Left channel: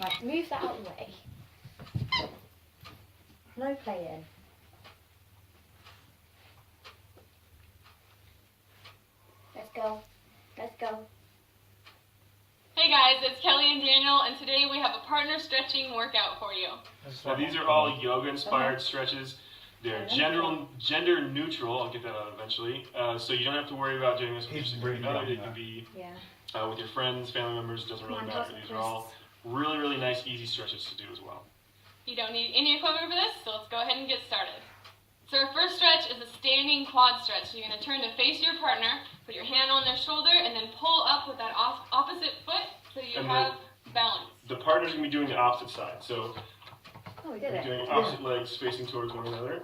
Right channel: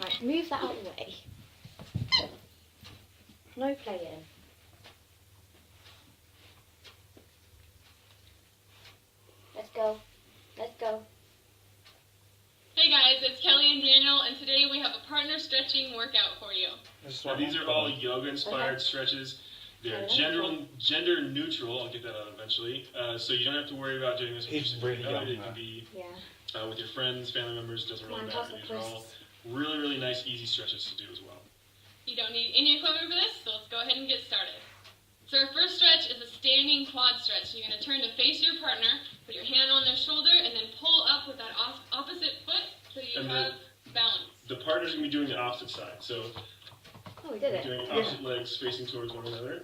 Right, move that out of the way. No playing. Let's go. Let's go. Hey guys, it's Kelly and Daniel, and today we have a partner stretching workout for you. So these are all yoga-inspired stretches. They're gender neutral. I'll get that out eventually. So you don't have to worry about doing this with He's your really significant other. young, It can be Yeah. with your friends, family members. Doesn't really Come on, matter. toss the These are all really, really nice, easy stretches to do as well. You don't need any equipment for this, so let's go ahead and get started. So our first stretch is a standing quad stretch. So you're going to turn to face your partner, put your hand on their shoulder, and then pull up with that opposite foot so you have balance. The partner's going to be doing the opposite side. So Oh, we did we're it. doing opposite legs facing towards one another.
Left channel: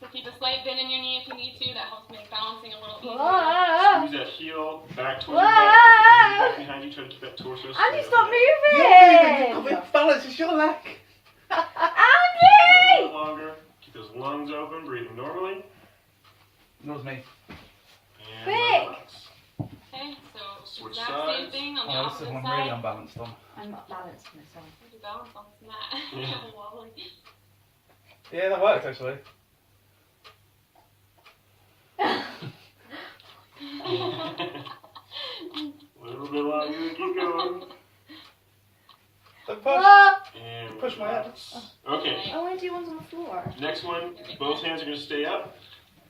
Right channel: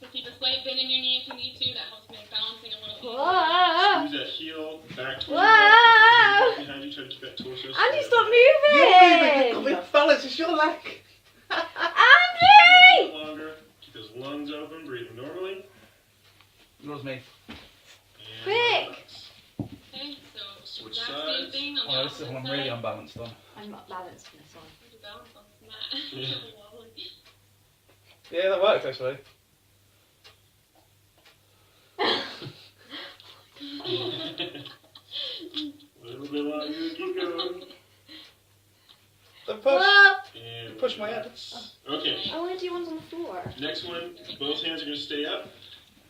So keep a slight bend in your knee if you need to. That helps make balancing a little easier. Whoa! Squeeze that heel back towards Whoa! your butt. Back behind you. Try to keep that torso. Andy, straight. stop You're moving! moving! Balance, it's your leg! A little Andy! bit longer. Keep those lungs open. Breathing normally. That was me. And Quick! relax. Okay, so Switch exact sides. same thing on the Oh, this is opposite one side. really unbalanced on. I'm not balanced on this one. There's a balance on this mat. Yeah. Wobbly. Yeah, that worked actually. A little bit longer. Keep going. Don't push! Ah! And Push my head. relax. Okay. I want to do ones on the floor. Next one, both hands are going to stay up.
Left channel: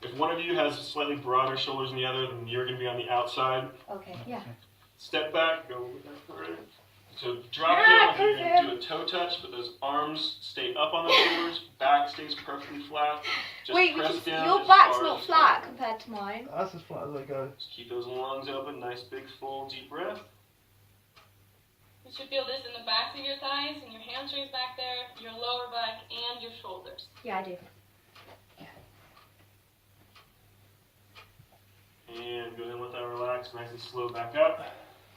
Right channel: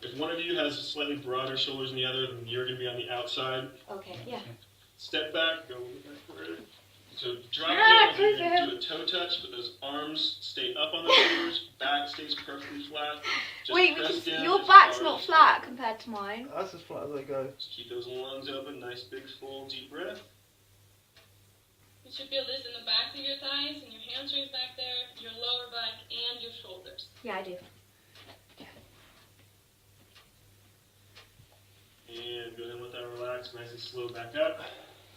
If one of you has slightly broader shoulders than the other, then you're going to be on the outside. Okay, yeah. Step back, go a little bit back further. So drop Ah, down, you're going to Kufu. do a toe touch, but those arms stay up on the shoulders, back stays perfectly flat. Just Wait, we press can down your as back's hard not as flat possible. compared to mine. That's as flat as I go. Just keep those lungs open, nice big full deep breath. You should feel this in the backs of your thighs and your hamstrings back there, your lower back, and your shoulders. Yeah, I do. And go ahead and let that relax, nice and slow back up.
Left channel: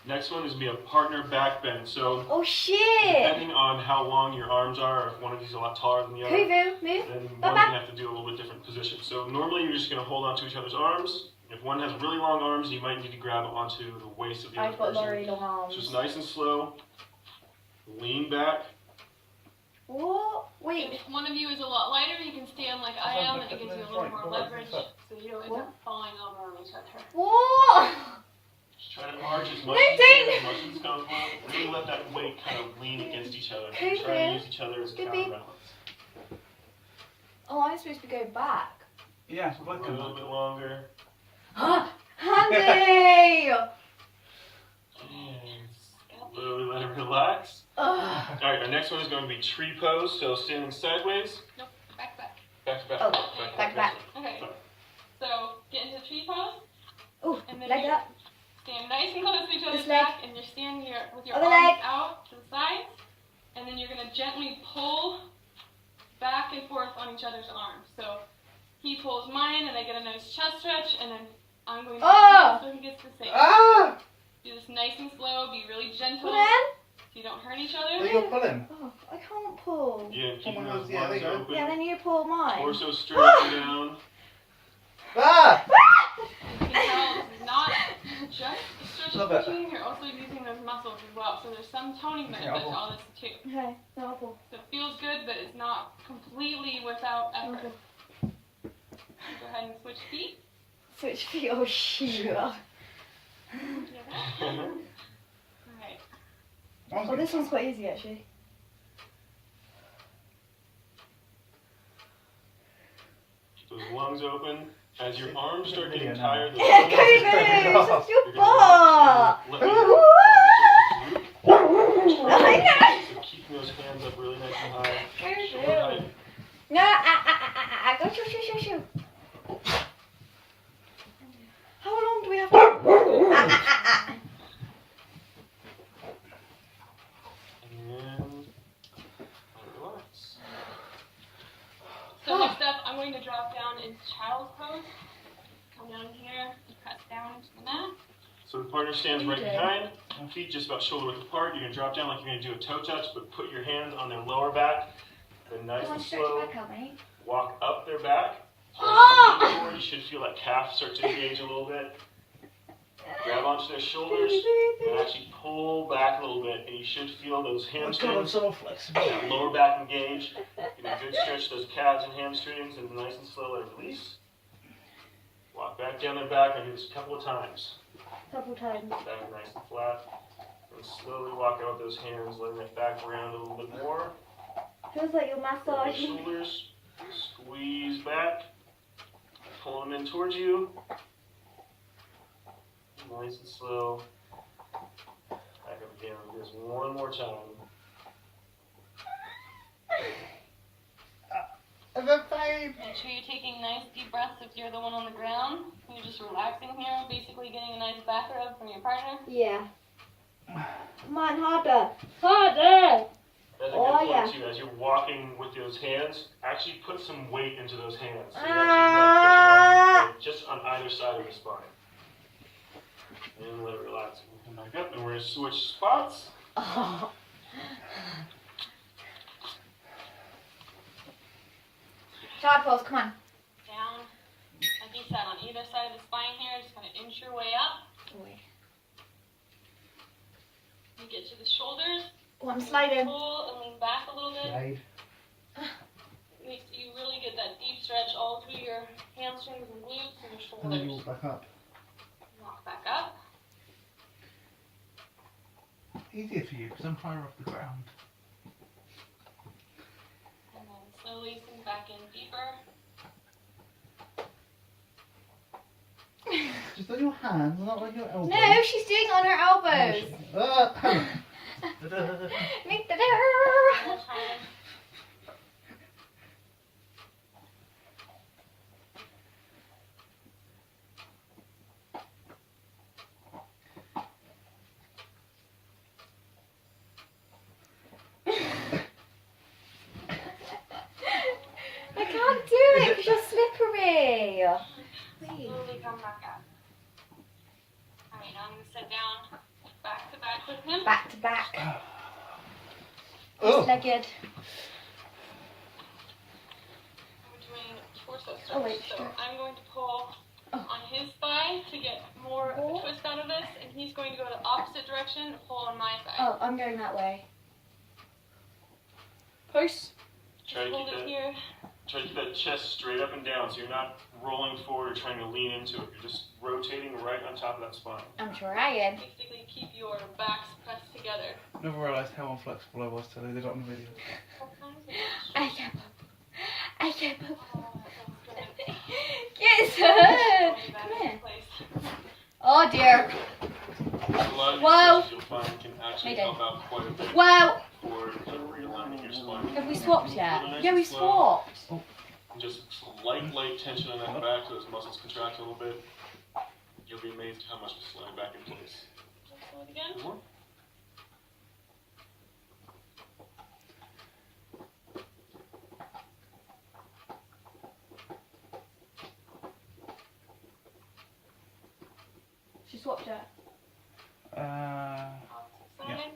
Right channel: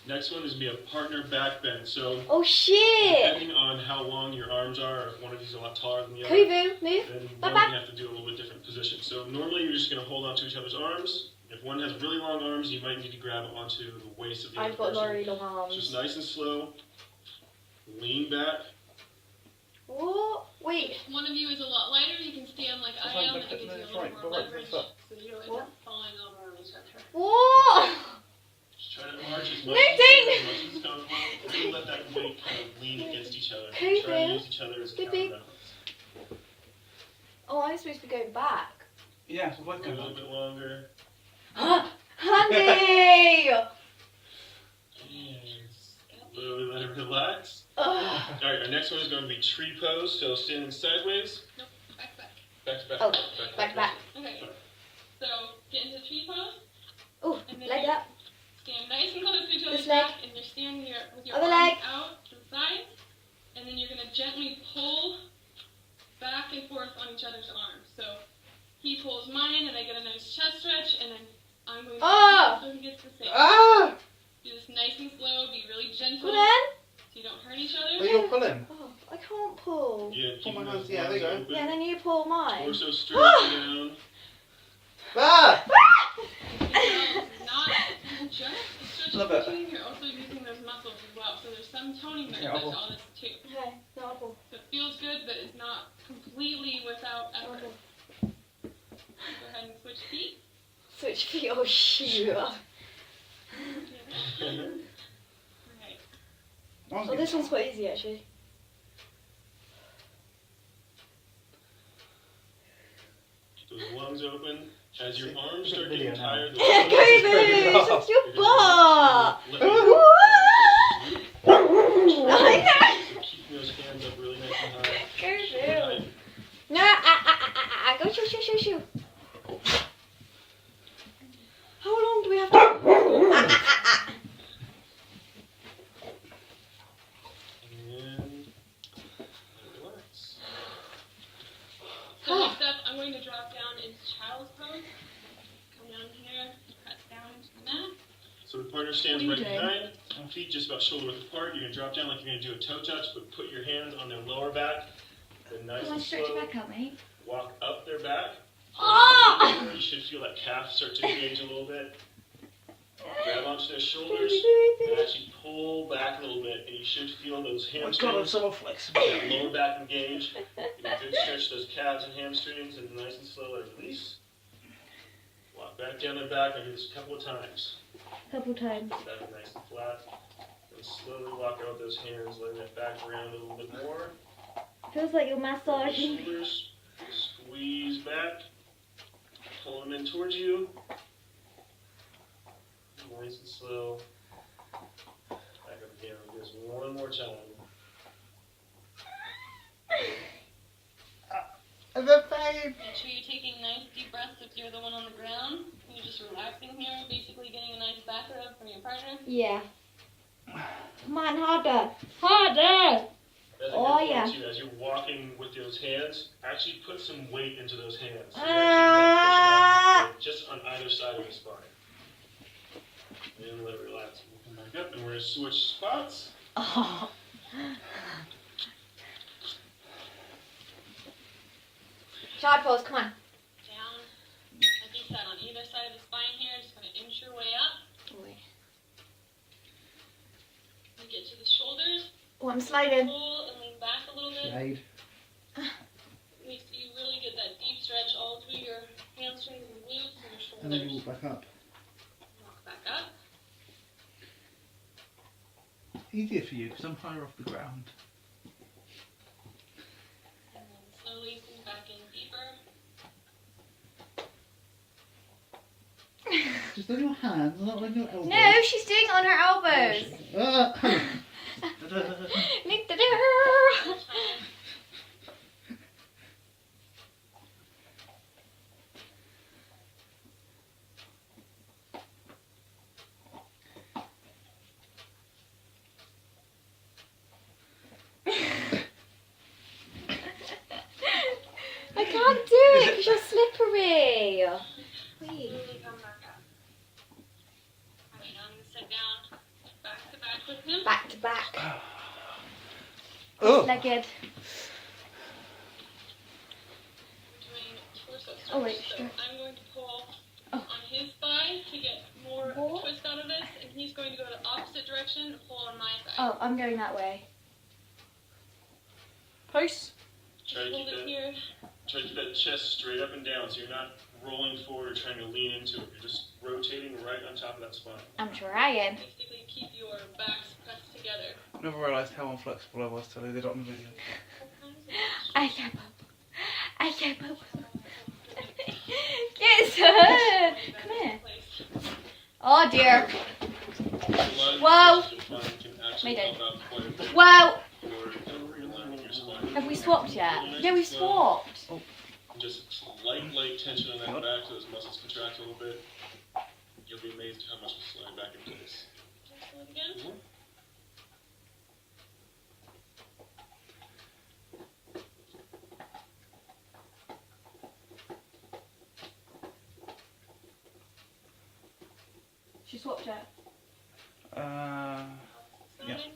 Next one is going to be a partner back bend. So Oh shit! depending on how long your arms are, or if one of these is a lot taller than the other, Kuvu, move. then Back, one's back. going to have to do a little bit different position. So normally you're just going to hold on to each other's arms. If one has really long arms, you might need to grab onto the waist of the other I've got person. very long arms. Just nice and slow. Lean back. What? Wait. If one of you is a lot lighter, you can stand like I am, and it gives you a little more leverage, so you don't end up falling over on each other. What? Just try to arch as much No, as you don't. can, as much as it's comfortable. Really let that weight kind of lean against each other. Kuvu. Try to use each other as a Beep, beep. counterbalance. Oh, I'm supposed to go back. Yeah, so Go a little bit longer. Honey! And slowly let it relax. Ugh. Alright, our next one is going to be tree pose. So standing sideways, Nope, back, back. back to back. Oh, back to back. Okay, so get into tree pose, Ooh, and then leg you up. stand nice and close to each other's This leg. back, and you're standing with your Other arms leg. out to the side, and then you're going to gently pull back and forth on each other's arms. So he pulls mine, and I get a nice chest stretch, and then I'm going to Oh. so he gets the same. Ah! Do this nice and slow, be really gentle, Pull so in. you don't hurt each Are other. you pulling? Oh, I can't pull. Yeah, keeping my those hands, yeah, there lungs you go. open. Yeah, then you pull mine. Torso straight down. Ah! You can tell this is not just a stretch Love it. routine, you're also using those muscles as well. So there's some toning benefit I'll to pull. all this too. Okay, no, I'll pull. So it feels good, but it's not completely without effort. Okay. Go ahead and switch feet. Switch feet. Oh, shoot. Alright. Oh, this one's quite easy, actually. Keep those lungs open. As your arms start Video getting now. tired, Kobe, it's your butt. Let I know. keeping those hands up really nice and high. Kobe. Shoulder height. No, go shoo. How long do we have to? And then relax. So next up, I'm going to drop down into child's pose. Come down here, cut down to the mat. So the partner stands What are right you doing? behind, feet just about shoulder width apart. You're going to drop down like you're going to do a toe touch, but put your hands on their lower back. Then nice and slow, out, mate. walk up their back. Ah! You should feel that calf start to engage a little bit. Grab onto their shoulders and actually pull back a little bit. And you you should feel those Oh, God, I'm hamstrings, so flexible. that lower back engage. Give a good stretch to those calves and hamstrings, and nice and slow let it release. Walk back down their back. I do this a couple of times. Couple times. Back nice and flat. And slowly walk out with those hands, letting that back around a little bit more. Feels like you're Those massaging. shoulders, squeeze back. Pull them in towards you. Nice and slow. Back up again. Do this one more time. The pain. Make sure you're taking nice deep breaths if you're the one on the ground. You're just relaxing here, basically getting a nice back rub from your partner. Yeah. Come on, harder. Harder! That's a Oh, good yeah. point too. As you're walking with those hands, actually put some weight into those hands. So you Ah. have to just on either side of the spine. And let it relax. We'll come back up and we're going to switch spots. Oh. Side pose, come on. Down. Like you said, on either side of the spine here, just kind of inch your way up. You get to the shoulders, Oh, I'm sliding. pull and lean back a little bit. Slide. Makes you really get that deep stretch all through your hamstrings and glutes and your And then you shoulders. walk back up. Walk back up. Easier for you because I'm higher off the ground. And then slowly sink back in deeper. Just on your hands, not on your elbows. No, she's doing it on her elbows. Ah. Nick the More time. I can't do it because you're slippery. Wait. Slowly come back up. Alright, now I'm going to sit down back to back with him. Back to back. Oh. Legged. We're doing torso stretch. Oh, wait, so sure. I'm going to pull Oh. on his thigh to get more Oh. twist out of this, and he's going to go the opposite direction, pull on my side. Oh, I'm going that way. Push. Try to Hold keep it that, here. try to keep that chest straight up and down so you're not rolling forward or trying to lean into it. You're just rotating right on top of that spine. I'm trying. Basically keep your backs pressed together. Never realised how unflexible I was till they did it on the video. I can't poop. I can't poop. Get her. Come here. Oh dear. A lot of Whoa. these you'll find can actually Mayday. help out quite a bit Whoa. for realigning your spine. Have we swapped yet? Really nice Yeah, and we slow. swapped. Just light tension on that back so those muscles contract a little bit. You'll be amazed how much will slide back in place. Just do it again. More. She swapped it. Yeah. Side.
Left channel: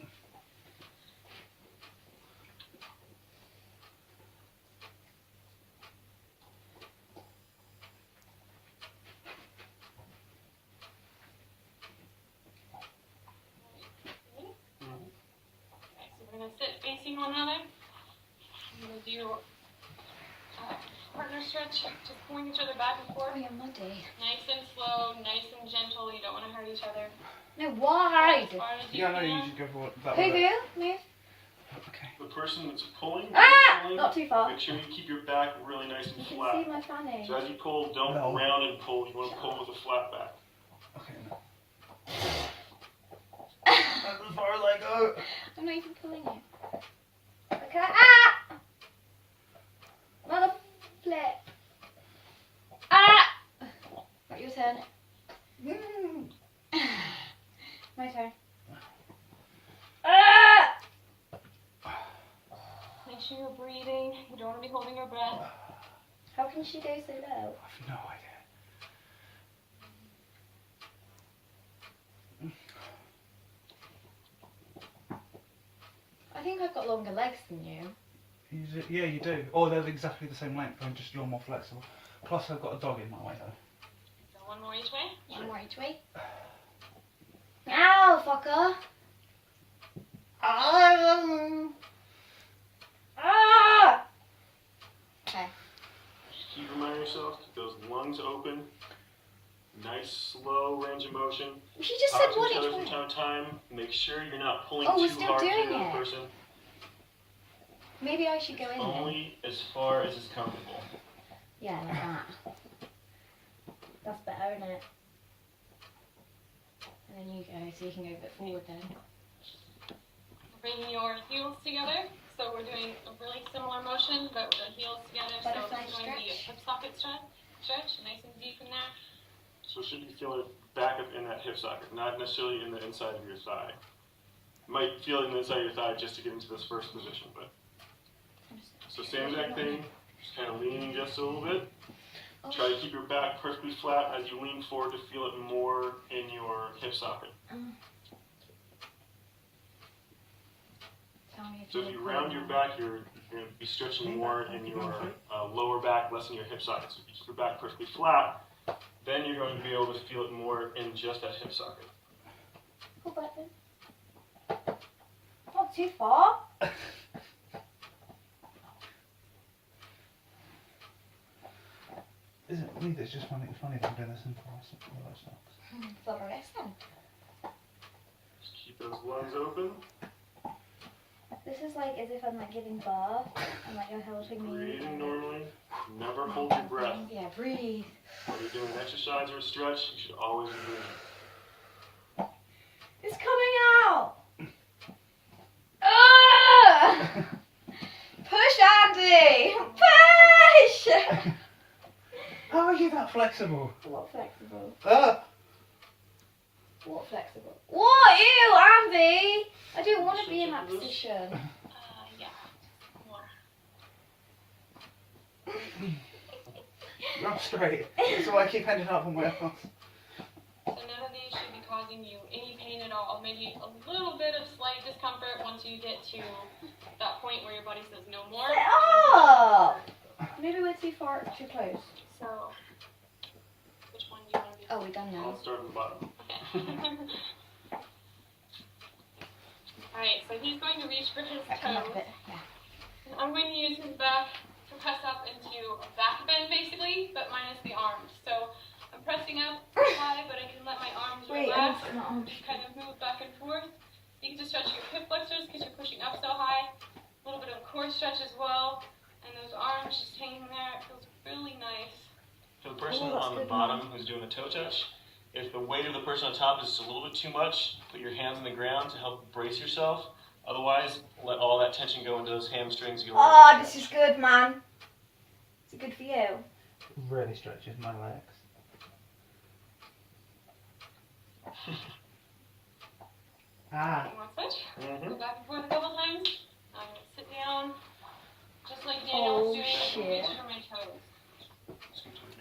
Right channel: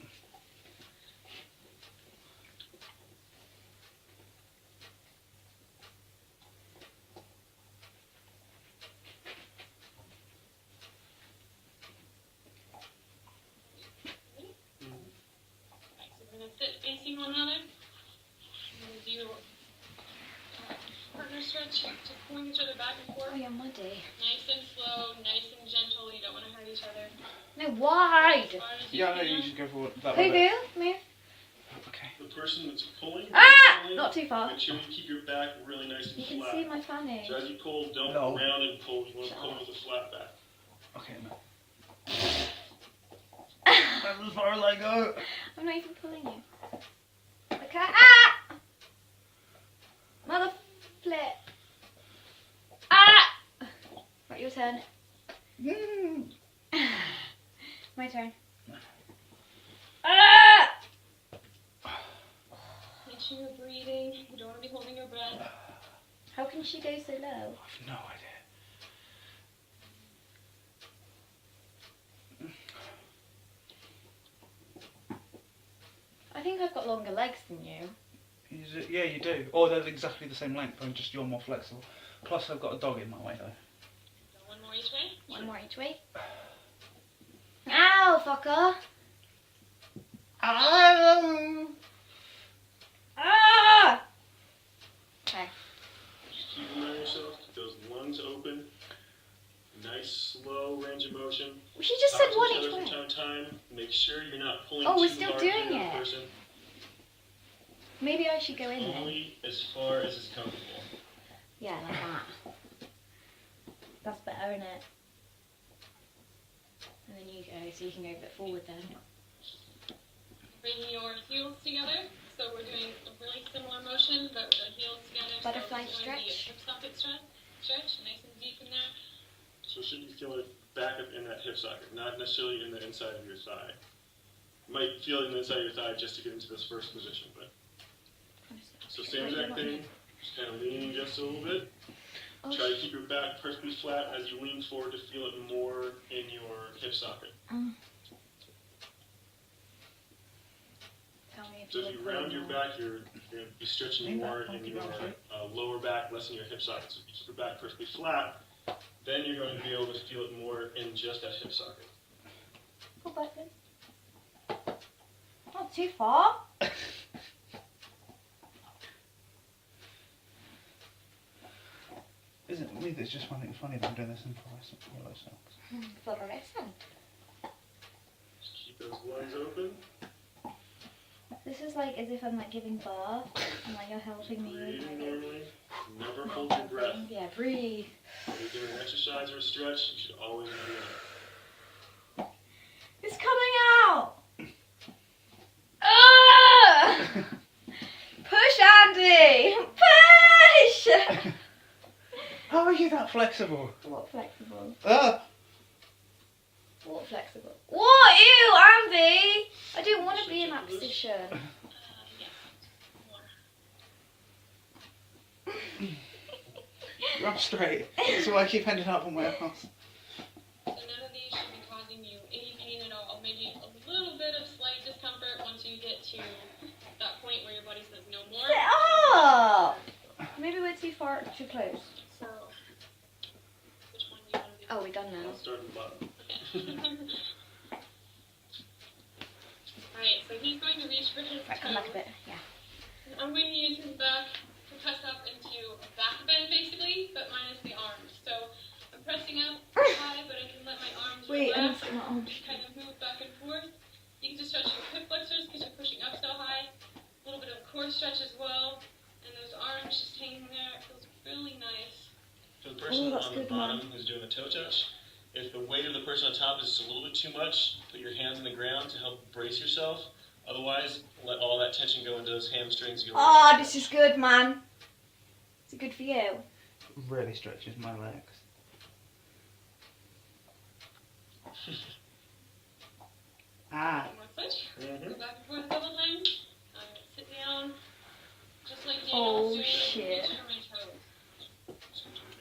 Alright, so we're going to sit facing one another. I'm going to do partner stretch, just pulling each other back and forth. Oh, you're muddy. Nice and slow, nice and gentle. You don't want to hurt each other. No, wide. As far as you Yeah, no, can. you should go for that Who way. do? Move. Okay. The person that's pulling, Ah! pulling, Not too far. make sure you keep your back really nice and You can flat. see my fanny. So as you pull, don't No. round and pull. You want to pull with a flat back. Okay, no. That's as far as I go. I'm not even pulling you. Okay. Ah! Another flip. Ah! Right, your turn. Mm. My turn. Ah! Make sure you're breathing. You don't want to be holding your breath. How can she go so low? I've no idea. I think I've got longer legs than you. Yeah, you do. Or they're exactly the same length, but just you're more flexible. Plus, I've got a dog in my way, though. So one more each way. One more each way. Ow, fucker. Ah! Make sure you're not pulling Oh, we're too still hard doing to the it. person. Maybe I should go in there. Only as far as is comfortable. Yeah, like that. That's better, isn't it? And then you go, so you can go a bit forward then. Bring your heels together. So we're doing a really similar motion, but with our heels together. Butterfly so it's going to be a stretch. hip socket stretch, nice and deep in there. So it should be feeling back up in that hip socket, not necessarily in the inside of your thigh. You might feel it in the inside of your thigh just to get into this first position, but. So same exact thing, just kind of leaning just a little bit. Oh, Try to keep your back perfectly flat as you lean forward to feel it more in your hip socket. Tell me So if you round your back, you're going to be stretching more in your lower back, less in your hip socket. So if you keep your back perfectly flat, then you're going to be able to feel it more in just that hip socket. Pull back then. Not too far. Isn't it me that's just finding it funny that I'm doing this in polo socks? Florrescent. Just keep those lungs open. This is like as if I'm like giving birth and like you're helping me. Breathing normally. Never hold your breath. Yeah, breathe. When you're doing an exercise or a stretch, you should always be breathing. It's coming out! Ugh! Push, Andy! Push! How are you that flexible? What flexible? What flexible? What? You, Andy! I don't want to be in that position. Yeah. More. You're up straight. That's why I keep ending up on my ass. So none of these should be causing you any pain at all. Maybe a little bit of slight discomfort once you get to that point where your body says no more. Sit up! Maybe we're too close. So, which one do you want to do? Oh, we're done now. I'll start at the bottom. Okay. Alright, so he's going to reach for his Right, come back a toes. bit. Yeah. And I'm going to use his back to press up into a back bend basically, but minus the arms. So I'm pressing up high, but I can let my arms Wait, I relax, need to get my arms. kind of move back and forth. You can just stretch your hip flexors because you're pushing up so high. A little bit of core stretch as well. And those arms just hanging there. It feels really nice. For the person that's on the good, bottom who's doing the toe touch, if the weight of the person on top is just a little bit too much, put your hands on the ground to help brace yourself. Otherwise, let all that tension go into those hamstrings. Oh, this is good, man. Is it good for you? Really stretches my legs. Ah. You want to switch? Mm-hmm. Go back and forth a couple times. I'm going to sit down. Just like Daniel Oh, was doing, I can shit. reach for my toes.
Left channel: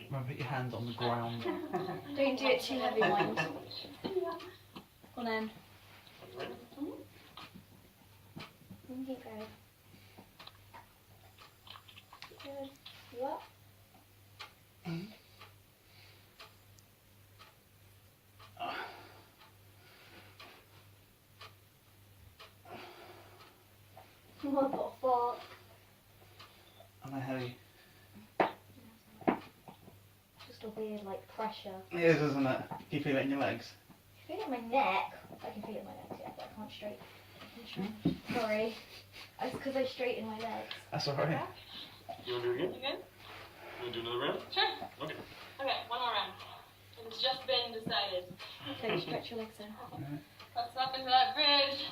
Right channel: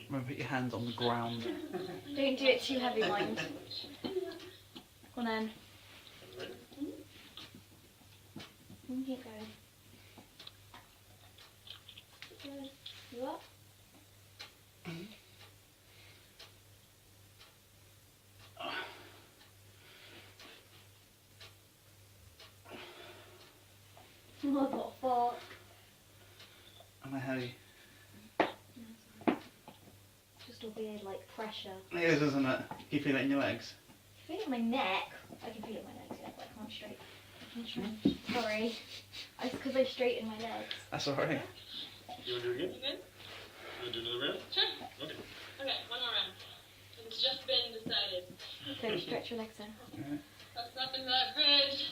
Remember, put your hands on the ground. Don't do it too heavy, mind. Go on then. You can keep going. Good. You up? What the fuck? Am I heavy? Just a weird, like, pressure. It is, isn't it? You feel it in your legs? I feel it in my neck. I can feel it in my legs, yeah, but I can't straighten. Sorry. It's because I straighten my legs. That's alright. You want to do it again? You good? You want to do another round? Sure. Okay. Okay, one more round. It's just been decided. Okay, stretch your legs then. Press up into that bridge.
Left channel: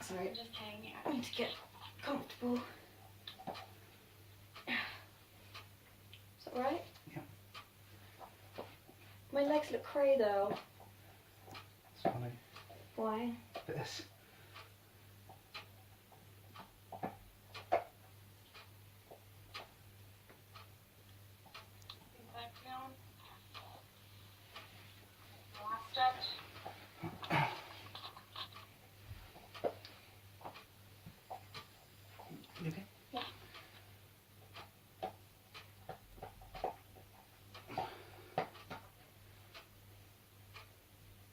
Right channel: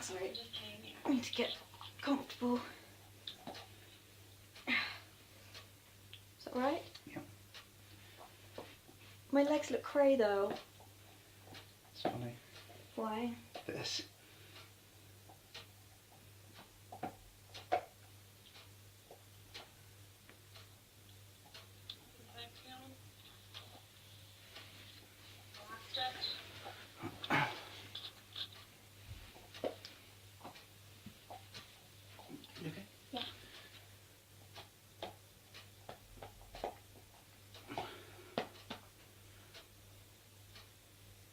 Sorry. Just hang here. I need to get comfortable. Is that right? Yeah. My legs look cray though. It's funny. Why? This. Back down. Last stretch. You okay? Yeah.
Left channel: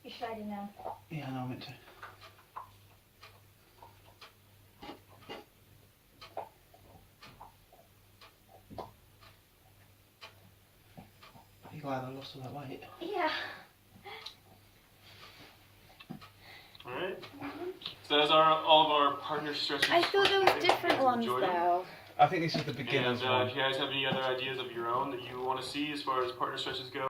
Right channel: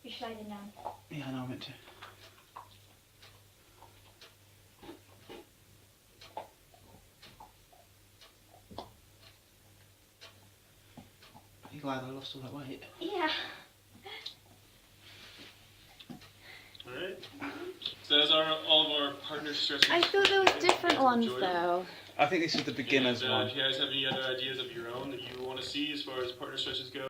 You're sliding down. Yeah, no, I meant to. Are you glad I lost all that weight? Yeah. All right. So that's all of our partner stretches. I feel for those today. different Hope you ones enjoyed them. though. I think this is the beginner's And one. if you guys have any other ideas of your own that you want to see as far as partner stretches go,